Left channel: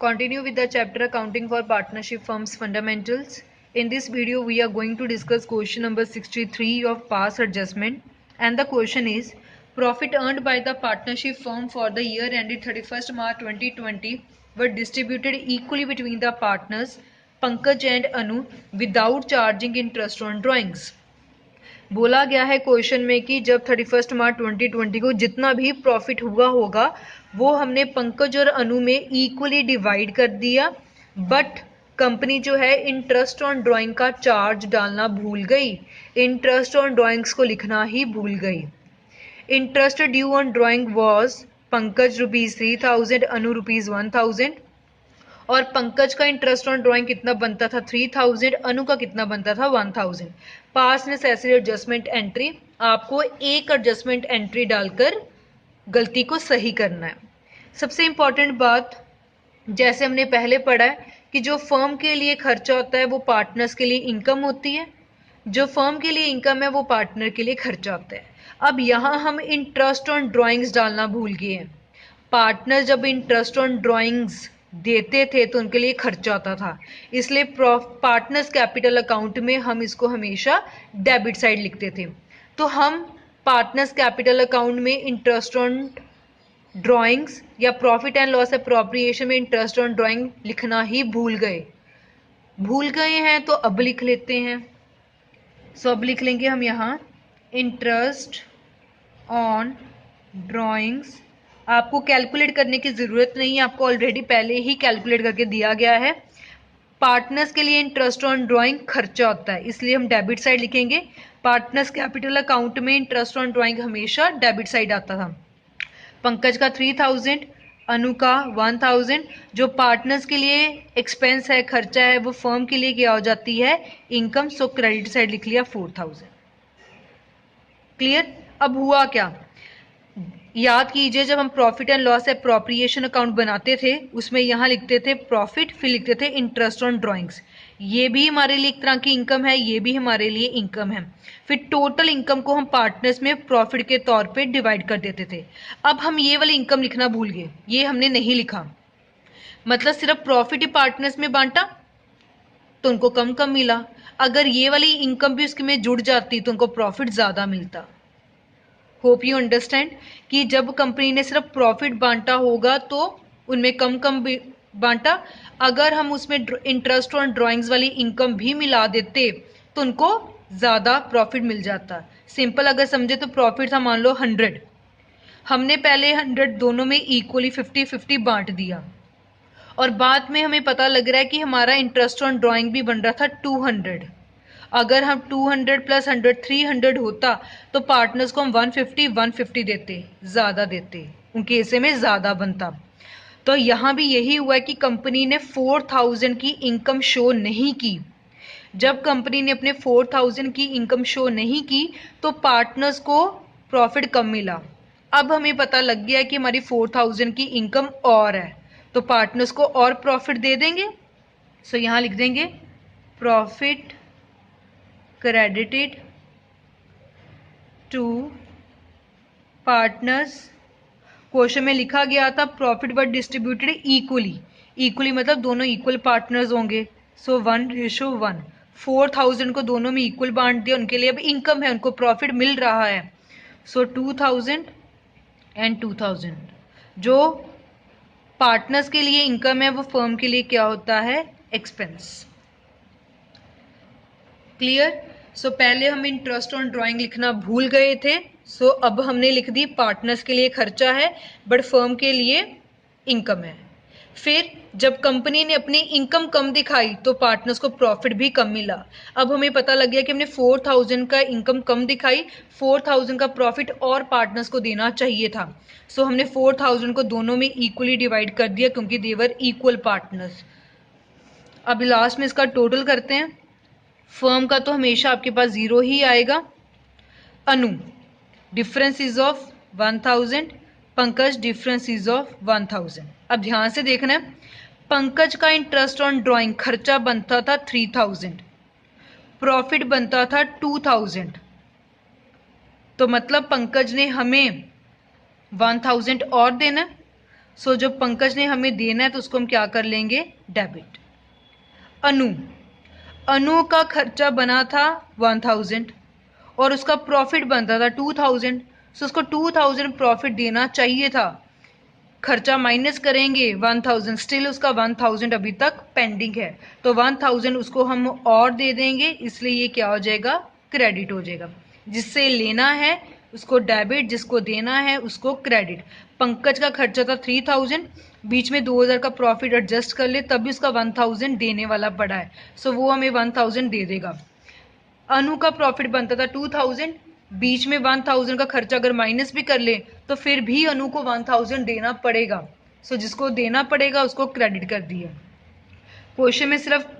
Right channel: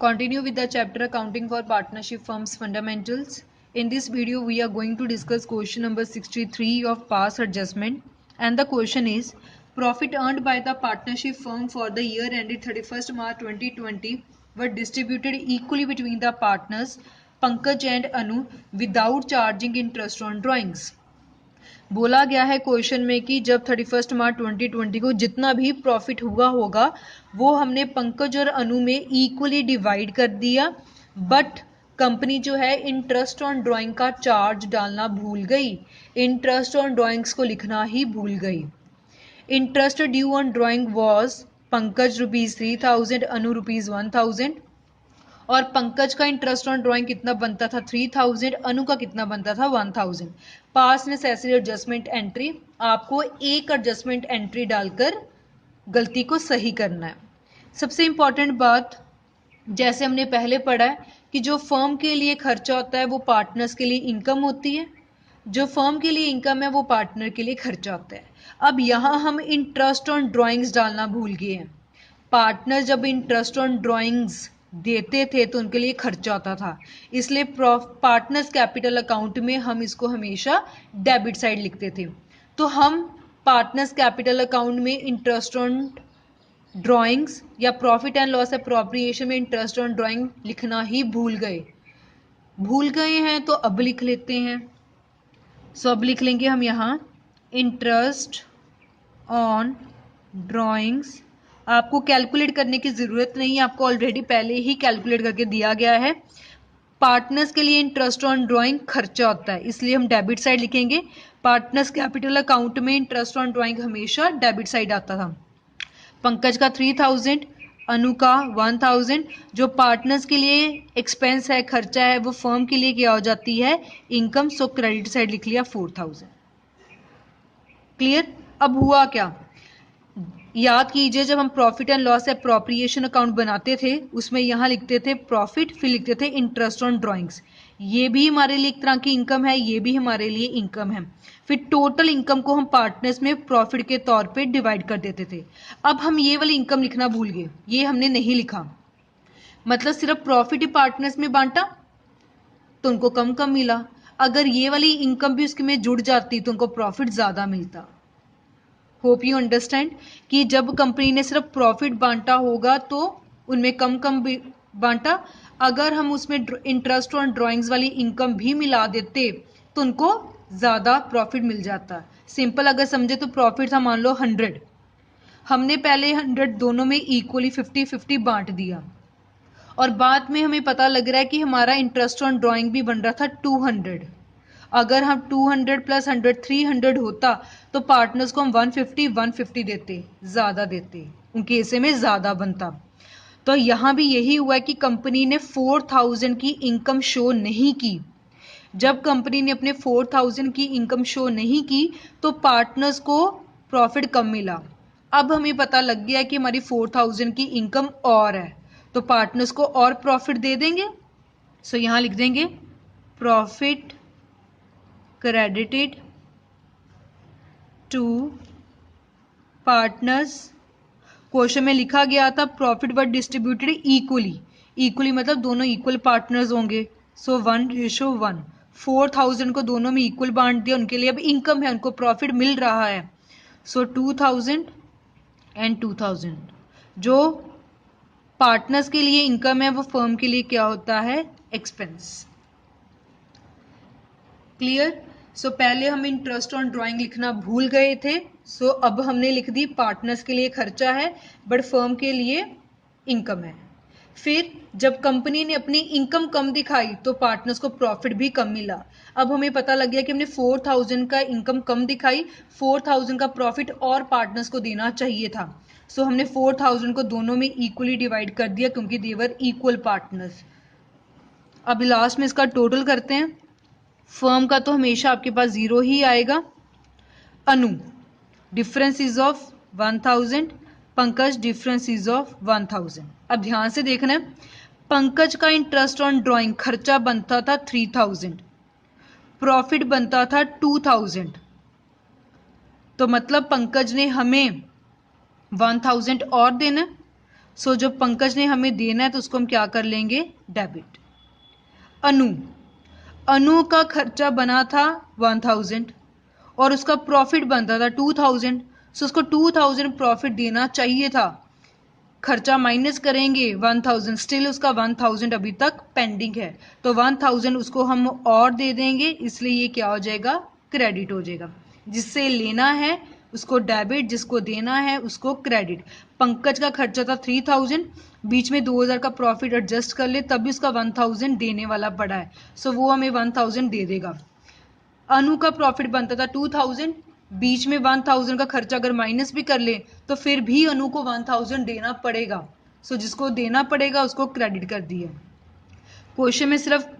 Continue with the chapter Accounting for Partnership Firms Fundamentals. In this video, we are going to discuss question number 63 of Pass Adjustment. And the question is, profit earned by the partnership firm for the year ended 31st March 2020 were distributed equally between the partners, Pankaj and Anu, without charging interest on drawings. बोला गया है question में कि जब 31 मार्च 2020 को जितना भी profit हुआ होगा वो हमने पंकज और अनु में इक्वली डिवाइड कर दिया, बट कंपनी जो है इंटरेस्ट ऑन ड्राइंग का चार्ज डालना भूल गई, इंटरेस्ट ऑन ड्राइंग्स को लिखना ही भूल गई। Interest due on drawing was Pankaj ₹3000, अनु ₹1000, और पंकज का इंटरेस्ट ऑन ड्राइंग कितना बनता था 3000, अनु का कितना बनता था 1000। पास नेसेसरी एडजस्टमेंट एंट्री, आपको एक एडजस्टमेंट एंट्री डालकर गलती को सही करना है। सबसे इंपॉर्टेंट बात, जैसे हमने पहले पढ़ा है कि जो फर्म के लिए खर्चा होता है वो पार्टनर्स के लिए इनकम होती है, जो फर्म के लिए इनकम है वो पार्टनर के लिए खर्चा होता है। अब यहाँ हम इंटरेस्ट ऑन ड्राइंग्स डालना भूल गए हैं। पार्टनर जब इंटरेस्ट ऑन ड्राइंग्स देते थे तो उनके लिए खर्चा आता था, इसलिए पार्टनर्स कैपिटल अकाउंट में हम इसको हमेशा डेबिट साइड लिखते थे। तो हम पार्टनर्स कैपिटल अकाउंट में इंटरेस्ट ऑन ड्राइंग्स या प्रॉफिट एंड लॉस एप्रोप्रिएशन में इंटरेस्ट ऑन ड्राइंग लिखना ही भूल गए हैं, तो अब लिख लेते हैं। सो अब लिख लेंगे हम यहाँ इंटरेस्ट ऑन ड्राइंग्स। आपको कैलकुलेट करने की ज़रूरत नहीं है, आपको ऑलरेडी पहले ही कैलकुलेट करके दिया गया है। पार्टनर्स के लिए इंटरेस्ट ऑन ड्राइंग खर्चा होता है, इसलिए हम डेबिट साइड लिखेंगे। पार्टनर्स कैपिटल अकाउंट में इंटरेस्ट ऑन ड्राइंग हमेशा डेबिट साइड आता था। पंकज का 3000, अनु का 1000। जो पार्टनर्स के लिए एक्सपेंस है, खर्चा है, वो फर्म के लिए क्या हो जाती है, इनकम। सो क्रेडिट साइड लिख लिया 4000। क्लियर। अब हुआ क्या, याद कीजिए, जब हम profit and loss appropriation account बनाते थे उसमें यहाँ लिखते थे प्रॉफिट, फिर लिखते थे इंटरेस्ट ऑन ड्राइंग्स। ये भी हमारे लिए एक तरह की इनकम है, ये भी हमारे लिए इनकम है। फिर टोटल इनकम को हम पार्टनर्स में प्रॉफिट के तौर पे डिवाइड कर देते थे। अब हम ये वाली इनकम लिखना भूल गए, ये हमने नहीं लिखा। मतलब सिर्फ प्रॉफिट ही पार्टनर्स में बांटा तो उनको कम कम मिला, अगर ये वाली इनकम भी उसके में जुड़ जाती तो उनको प्रॉफिट ज़्यादा मिलता। होप यू अंडरस्टैंड कि जब कंपनी ने सिर्फ प्रॉफिट बांटा होगा तो उनमें कम कम बांटा, अगर हम उसमें इंटरेस्ट ऑन ड्राइंग्स वाली इनकम भी मिला देते तो उनको ज़्यादा प्रॉफिट मिल जाता। सिंपल अगर समझे तो प्रॉफिट था मान लो 100, हमने पहले 100 दोनों में इक्वली 50-50 बांट दिया, और बाद में हमें पता लग रहा है कि हमारा इंटरेस्ट ऑन ड्राइंग भी बन रहा था 200। अगर हम 200 प्लस 100 300 होता तो पार्टनर्स को हम 150 देते, ज़्यादा देते, उनके हिस्से में ज़्यादा बनता। तो यहाँ भी यही हुआ है कि कंपनी ने 4000 की इनकम शो नहीं की। जब कंपनी ने अपने 4000 की इनकम शो नहीं की तो पार्टनर्स को प्रॉफिट कम मिला। अब हमें पता लग गया कि हमारी 4000 की इनकम और है, तो पार्टनर्स को और प्रॉफिट दे देंगे। सो यहाँ लिख देंगे profit credited to partners। Question में लिखा गया था प्रॉफिट बट डिस्ट्रीब्यूटेड इक्वली मतलब दोनों इक्वल पार्टनर्स होंगे। सो 1:1, 4000 को दोनों में इक्वल बांट दिया, उनके लिए अब इनकम है, उनको प्रॉफिट मिल रहा है। सो 2000 एंड 2000 जो पार्टनर्स के लिए इनकम है वो फर्म के लिए क्या होता है, एक्सपेंस। क्लियर। सो पहले हम इंटरेस्ट ऑन ड्राइंग लिखना भूल गए थे, सो अब हमने लिख दी पार्टनर्स के लिए खर्चा है बट फर्म के लिए इनकम है। फिर जब कंपनी ने अपनी इनकम कम दिखाई तो पार्टनर्स को प्रॉफिट भी कम मिला। अब हमें पता लग गया कि हमने 4000 का इनकम कम दिखाई, 4000 का प्रॉफिट और पार्टनर्स को देना चाहिए था। सो हमने 4000 को दोनों में इक्वली डिवाइड कर दिया क्योंकि देवर इक्वल पार्टनर्स। अब लास्ट में इसका टोटल करते हैं। फर्म का तो हमेशा आपके पास 0 ही आएगा। Anu difference is of 1000, Pankaj difference is of 1000। अब ध्यान से देखना है, पंकज का इंटरेस्ट ऑन ड्राइंग खर्चा बनता था 3000, प्रॉफिट बनता था 2000, तो मतलब पंकज ने हमें 1000 और देना। सो जो पंकज ने हमें देना है तो उसको हम क्या कर लेंगे, डेबिट। अनु का खर्चा बना था 1000 और उसका प्रॉफिट बनता था 2000, सो उसको 2000 प्रॉफिट देना चाहिए था। खर्चा माइनस करेंगे 1000, स्टिल उसका 1000 अभी तक पेंडिंग है, तो 1000 उसको हम और दे देंगे, इसलिए ये क्या हो जाएगा, क्रेडिट हो जाएगा। जिससे लेना है उसको डेबिट, जिसको देना है उसको क्रेडिट। पंकज का खर्चा था 3000, बीच में 2000 का प्रॉफिट एडजस्ट कर ले तभी उसका 1000 देने वाला पड़ा है, सो वो हमें 1000 दे देगा। अनु का प्रॉफिट बनता था 2000, बीच में 1000 का खर्चा अगर माइनस भी कर ले तो फिर भी अनु को 1000 देना पड़ेगा, सो जिसको देना पड़ेगा उसको क्रेडिट कर दिया। क्वेश्चन में सिर्फ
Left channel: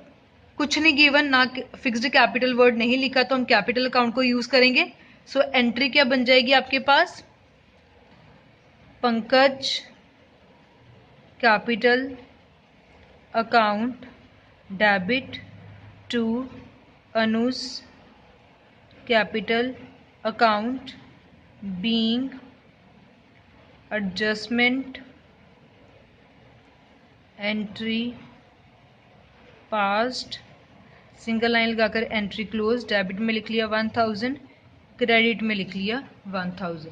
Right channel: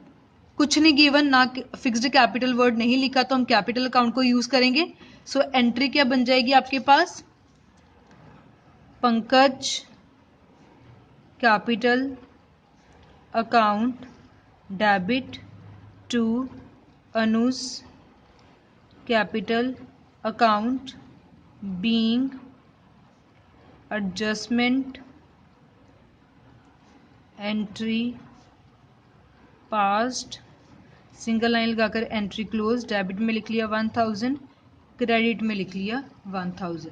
कुछ नहीं गिवन, ना फिक्स्ड कैपिटल वर्ड नहीं लिखा, तो हम कैपिटल अकाउंट को यूज करेंगे। सो एंट्री क्या बन जाएगी आपके पास, Pankaj capital account debit to Anuj capital account being adjustment entry passed, single line लगाकर एंट्री क्लोज, डेबिट में लिख लिया 1000, क्रेडिट में लिख लिया 1000।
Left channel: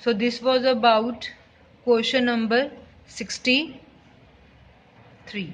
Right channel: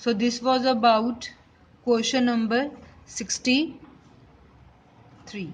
So this was about question number 63।